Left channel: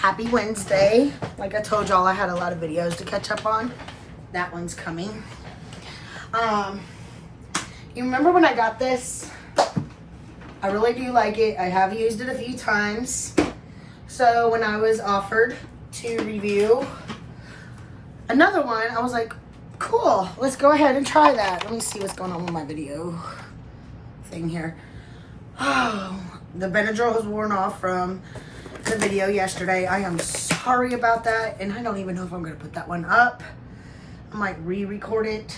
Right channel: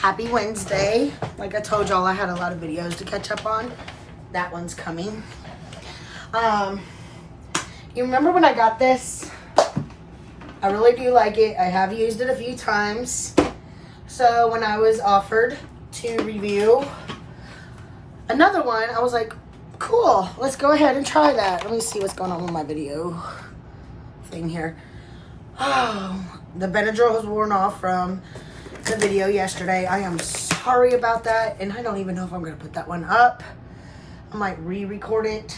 Happy Wednesday. Like I told y'all, I had a lot of videos to catch up on. That one's coming. You remember when I got this? I really do like it. I have used it a few times. So when I was offered to review another one, I was like, cool, let's go ahead and try that. Let me see what's going on with my video thing here. Oh, the Benadryl has worn off from the video yesterday. I am sorry about that, and I don't even know if I'm gonna put that one up. I might re-record it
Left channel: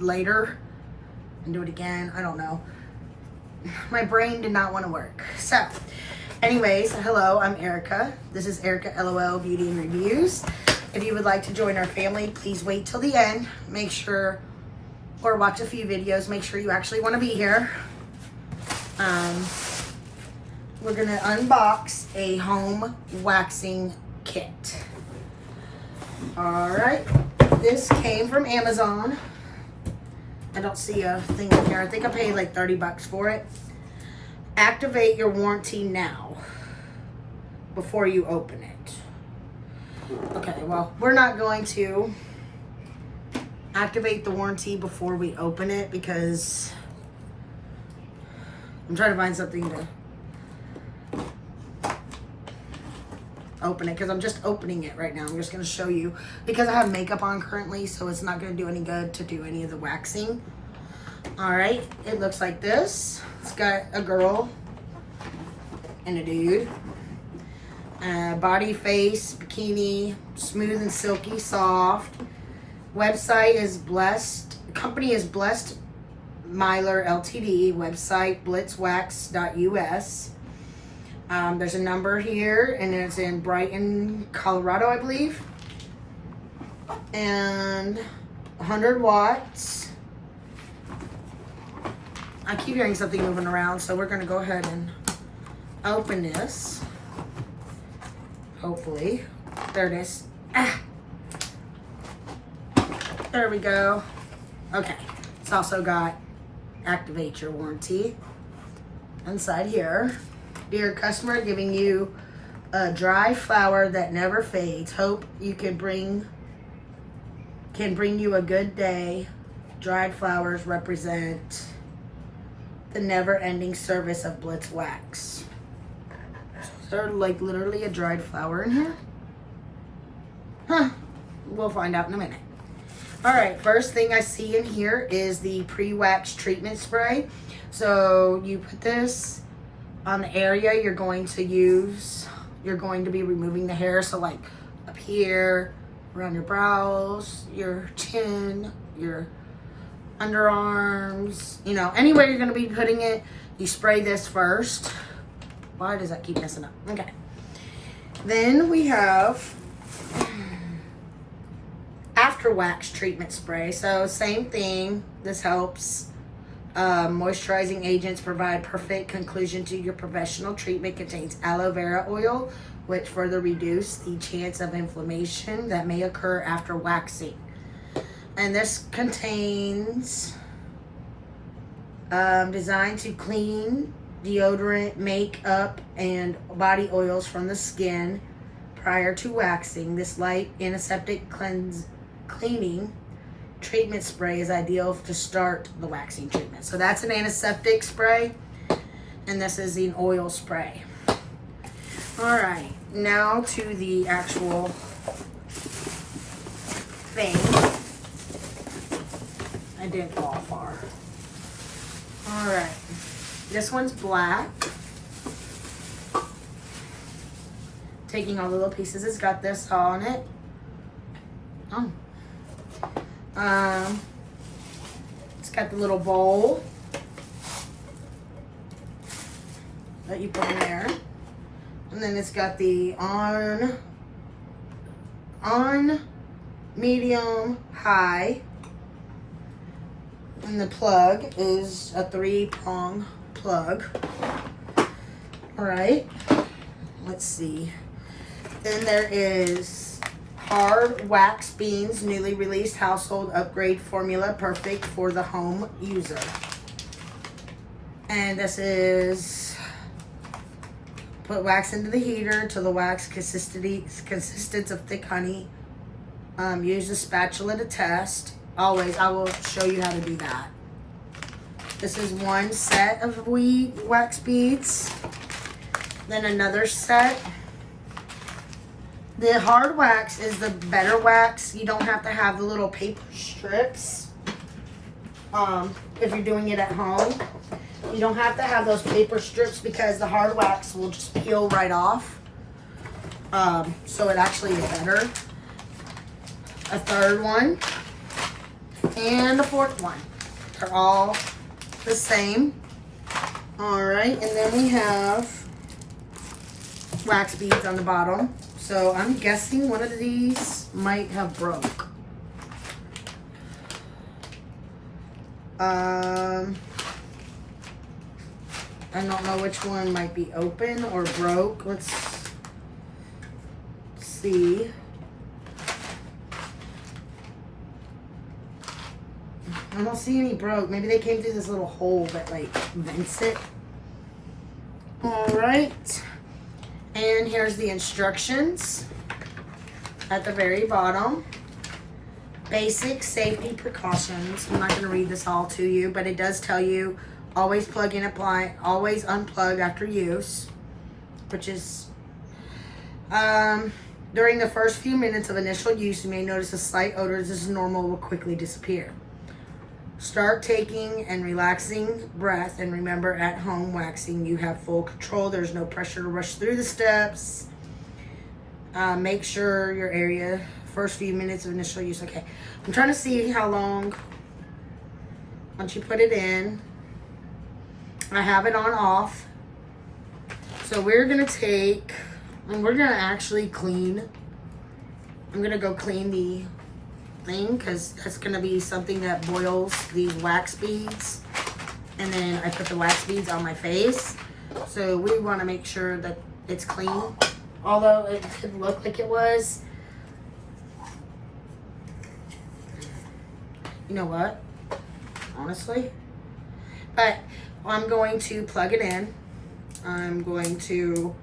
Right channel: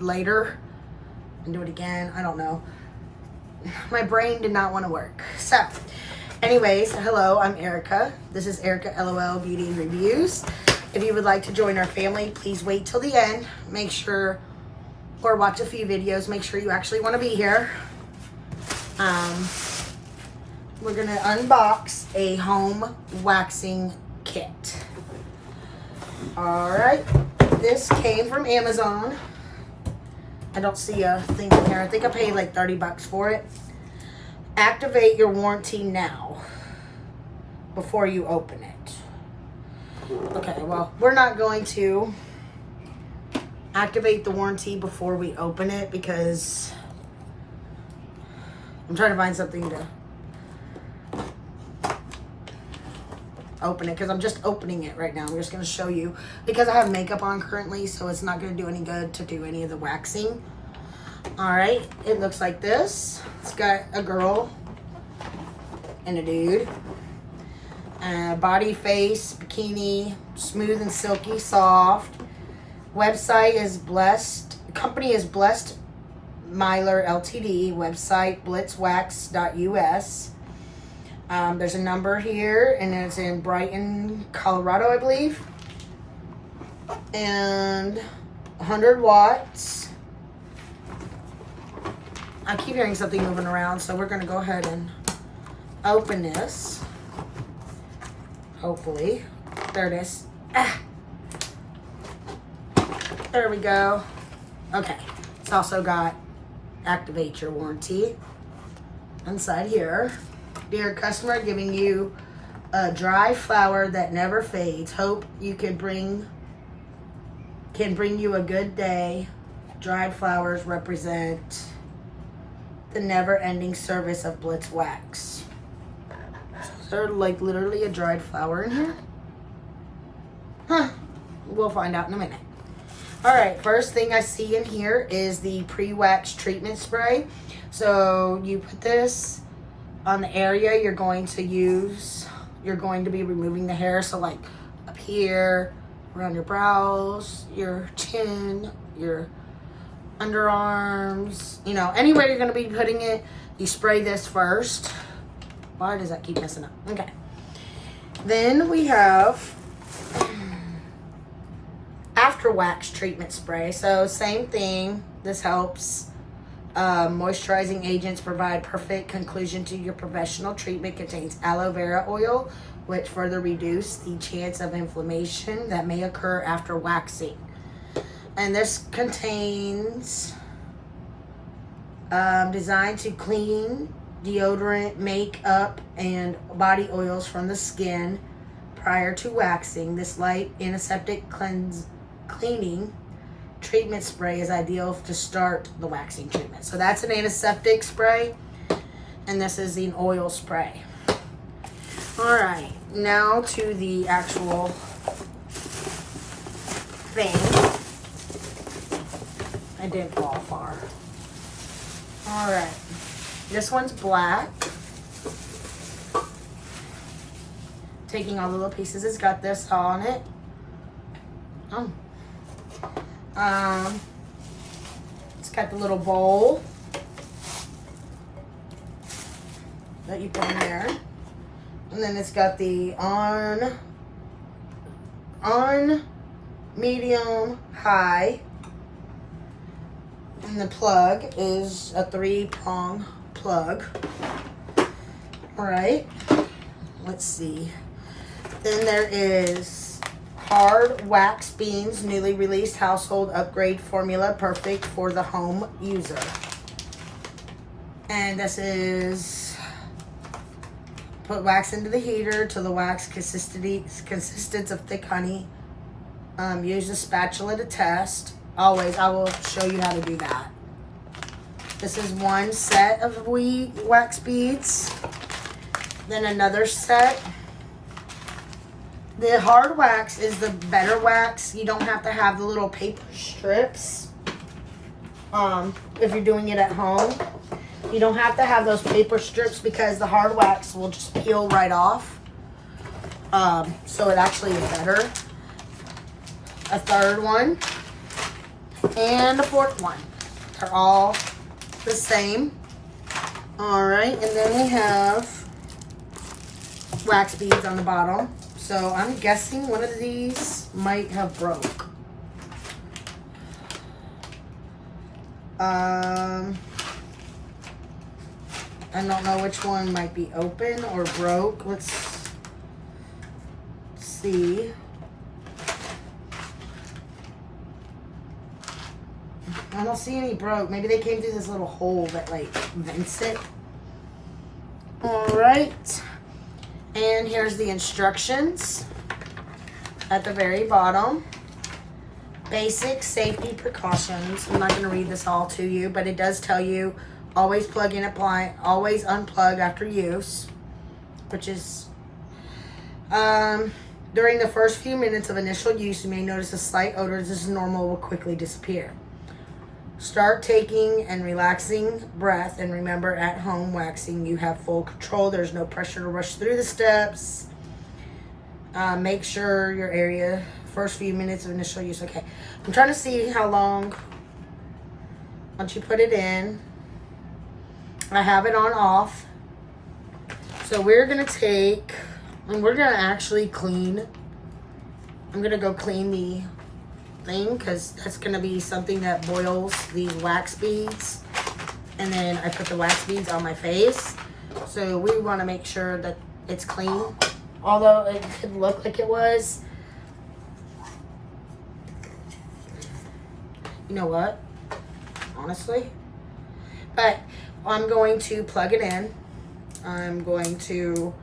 later and do it again. I don't know. My brain did not want to work. So, anyways, hello, I'm Erica. This is Erica LOL Beauty and Reviews. If you would like to join our family, please wait till the end. Make sure, or watch a few videos. Make sure you actually want to be here. We're gonna unbox a home waxing kit. All right, this came from Amazon. I don't see a thing in here. I think I paid like 30 bucks for it. Activate your warranty now before you open it. Okay, well, we're not going to activate the warranty before we open it because I'm trying to find something to open it because I'm just opening it right now. I'm just going to show you because I have makeup on currently, so it's not going to do any good to do any of the waxing. All right, it looks like this. It's got a girl and a dude. Body, face, bikini, smooth and silky, soft. Website is Blessed. Company is Blessed Myler Ltd. Website blitzwax.us. There's a number here, and it's in Brighton, Colorado, I believe. And 100 watts. I keep hearing something moving around, so we're gonna go ahead and open this. Hopefully. There it is. Ah. There we go. Okay. It's also got activate your warranty inside here. Dear customer, giving you a dry flower that never fades. Hope you can bring you a good day. Dried flowers represent the never-ending service of Blitz Wax. Is there like literally a dried flower in here? Huh. We'll find out in a minute. All right, first thing I see in here is the pre-wax treatment spray. So you put this on the area you're going to use. You're going to be removing the hair. So like up here, around your brows, your chin, your underarms, you know, anywhere you're gonna be putting it, you spray this first. Why does that keep messing up? Okay. Then we have after wax treatment spray. So same thing. This helps. Moisturizing agents provide perfect conclusion to your professional treatment. Contains aloe vera oil, which further reduce the chance of inflammation that may occur after waxing. And this contains designed to clean, deodorant, makeup, and body oils from the skin prior to waxing. This light antiseptic cleaning treatment spray is ideal to start the waxing treatment. So that's an antiseptic spray, and this is an oil spray. All right, now to the actual thing. I didn't fall far. All right, this one's black. Taking all the little pieces, it's got this on it. It's got the little bowl that you put in there. And then it's got the on, medium, high. And the plug is a 3-prong plug. All right, let's see. Then there is hard wax beans, newly released household upgrade formula, perfect for the home user. And this is put wax into the heater till the wax consistence of thick honey. Use a spatula to test. Always, I will show you how to do that. This is one set of wax beads. Then another set. The hard wax is the better wax. You don't have to have the little paper strips. If you're doing it at home, you don't have to have those paper strips because the hard wax will just peel right off. So it actually is better. A third one and a fourth one. They're all the same. All right, and then we have wax beads on the bottom. So I'm guessing one of these might have broke. I don't know which one might be open or broke. Let's see. I don't see any broke. Maybe they came through this little hole that like vents it. All right. And here's the instructions at the very bottom. Basic safety precautions. I'm not going to read this all to you, but it does tell you always plug and apply, always unplug after use, which is during the first few minutes of initial use, you may notice a slight odor. This is normal, will quickly disappear. Start taking and relaxing breath, and remember, at home waxing, you have full control. There's no pressure to rush through the steps. Make sure your area, first few minutes of initial use. Okay, I'm trying to see how long, once you put it in. I have it on off. So we're gonna take, and we're gonna actually clean. I'm gonna go clean the thing because that's gonna be something that boils these wax beads, and then I put the wax beads on my face, so we want to make sure that it's clean, although it could look like it was. You know what, honestly, but I'm going to plug it in. I'm going to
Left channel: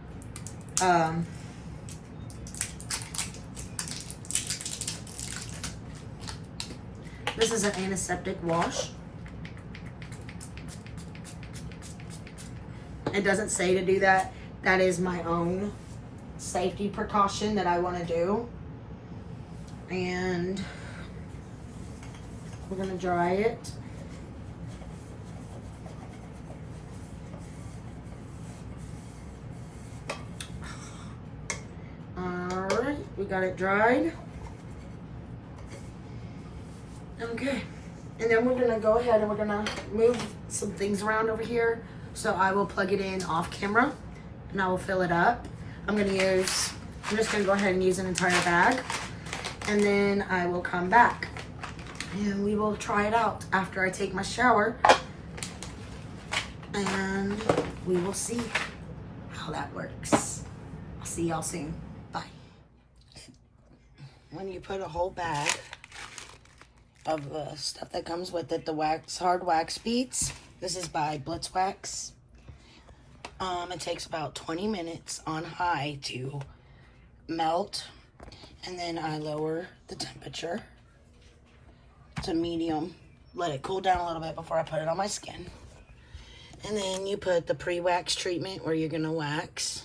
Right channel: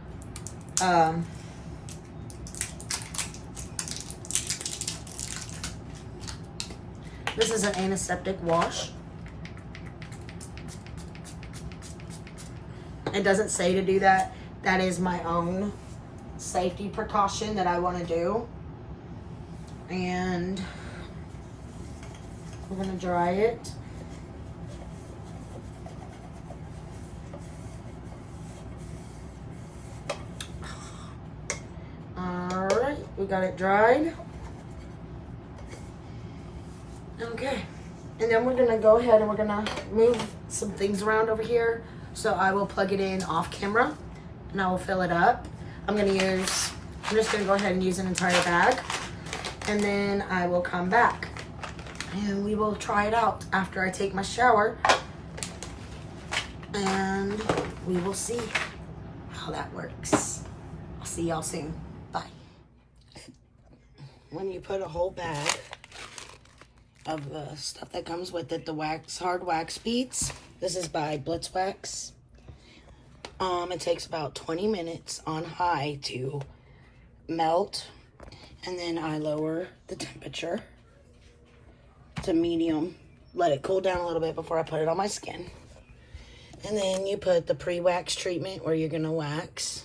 this is an antiseptic wash. It doesn't say to do that. That is my own safety precaution that I want to do. And we're going to dry it. All right, we got it dried. Okay, and then we're gonna go ahead and we're gonna move some things around over here. So I will plug it in off camera and I will fill it up. I'm just gonna go ahead and use an entire bag, and then I will come back and we will try it out after I take my shower, and we will see how that works. I'll see y'all soon. Bye. When you put a whole bag of the stuff that comes with it, the hard wax beads. This is by Blitzwax. It takes about 20 minutes on high to melt, and then I lower the temperature to medium, let it cool down a little bit before I put it on my skin. And then you put the pre-wax treatment where you're gonna wax.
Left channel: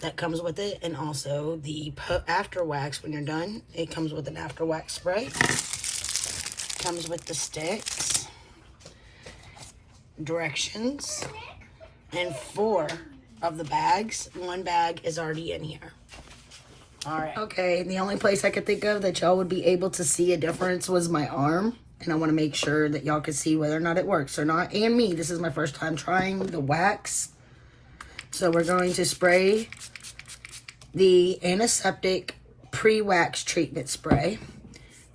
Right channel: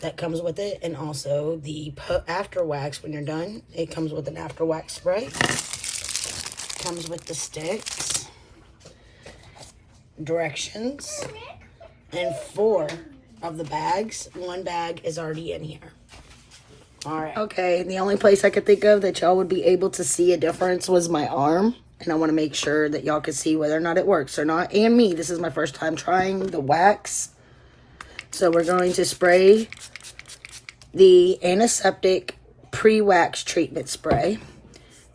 That comes with it, and also the after wax when you're done. It comes with an after wax spray. Comes with the sticks, directions, and 4 of the bags. 1 bag is already in here. All right. Okay, the only place I could think of that y'all would be able to see a difference was my arm, and I want to make sure that y'all can see whether or not it works or not. And me, this is my first time trying the wax. So we're going to spray the antiseptic pre-wax treatment spray,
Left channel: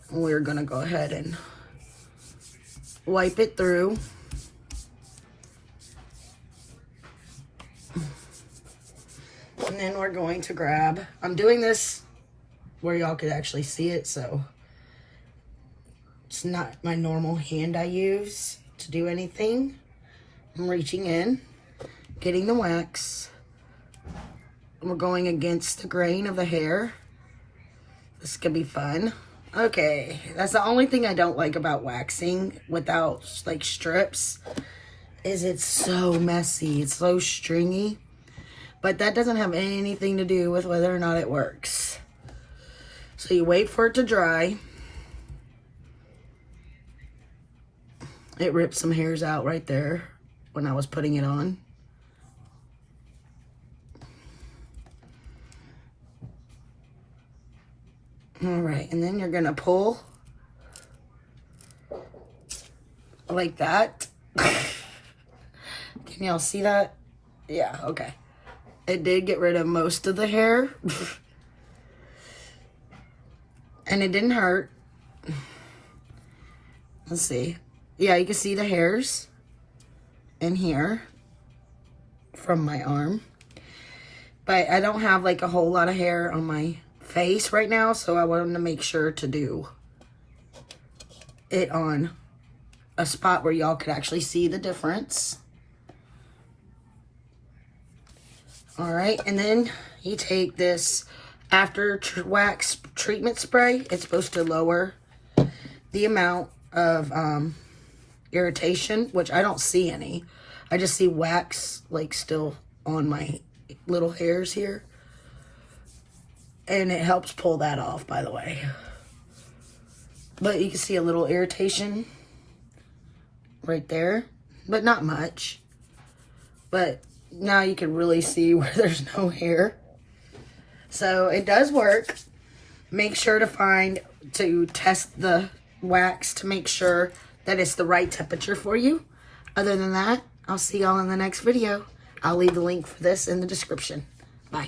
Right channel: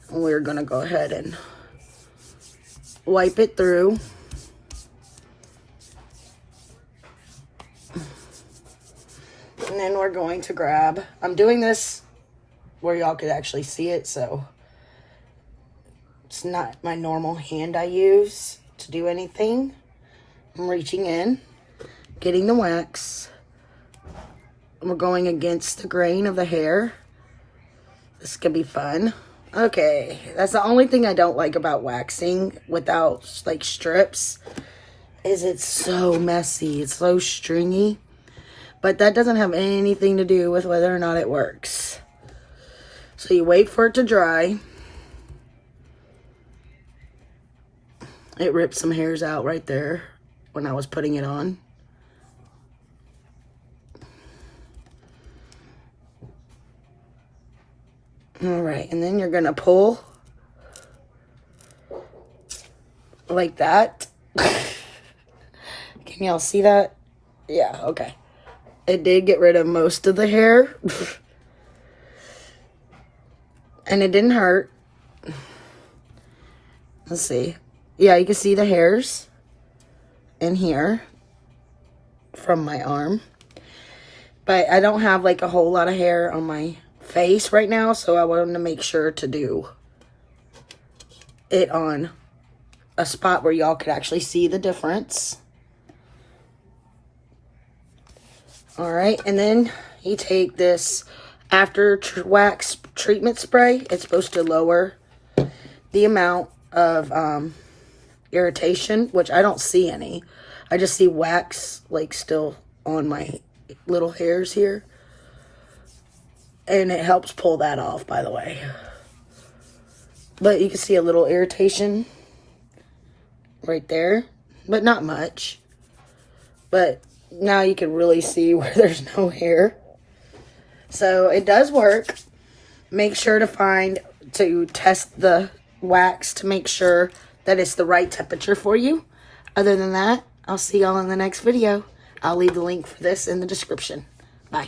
and we're going to go ahead and wipe it through. And then we're going to grab, I'm doing this where y'all could actually see it, so it's not my normal hand I use to do anything. I'm reaching in, getting the wax, we're going against the grain of the hair. This could be fun. Okay, that's the only thing I don't like about waxing without like strips, is it's so messy. It's so stringy. But that doesn't have anything to do with whether or not it works. So you wait for it to dry. It ripped some hairs out right there when I was putting it on. All right, and then you're gonna pull like that. Can y'all see that? Yeah, okay. It did get rid of most of the hair. And it didn't hurt. Let's see. Yeah, you can see the hairs in here from my arm. But I don't have like a whole lot of hair on my face right now, so I wanted to make sure to do it on a spot where y'all could actually see the difference. All right, and then you take this after wax treatment spray. It's supposed to lower the amount of irritation, which I don't see any. I just see wax like still on my little hairs here. And it helps pull that off, by the way. But you can see a little irritation right there, but not much. But now you can really see where there's no hair. So it does work. Make sure to test the wax to make sure that it's the right temperature for you. Other than that, I'll see y'all in the next video. I'll leave the link for this in the description. Bye.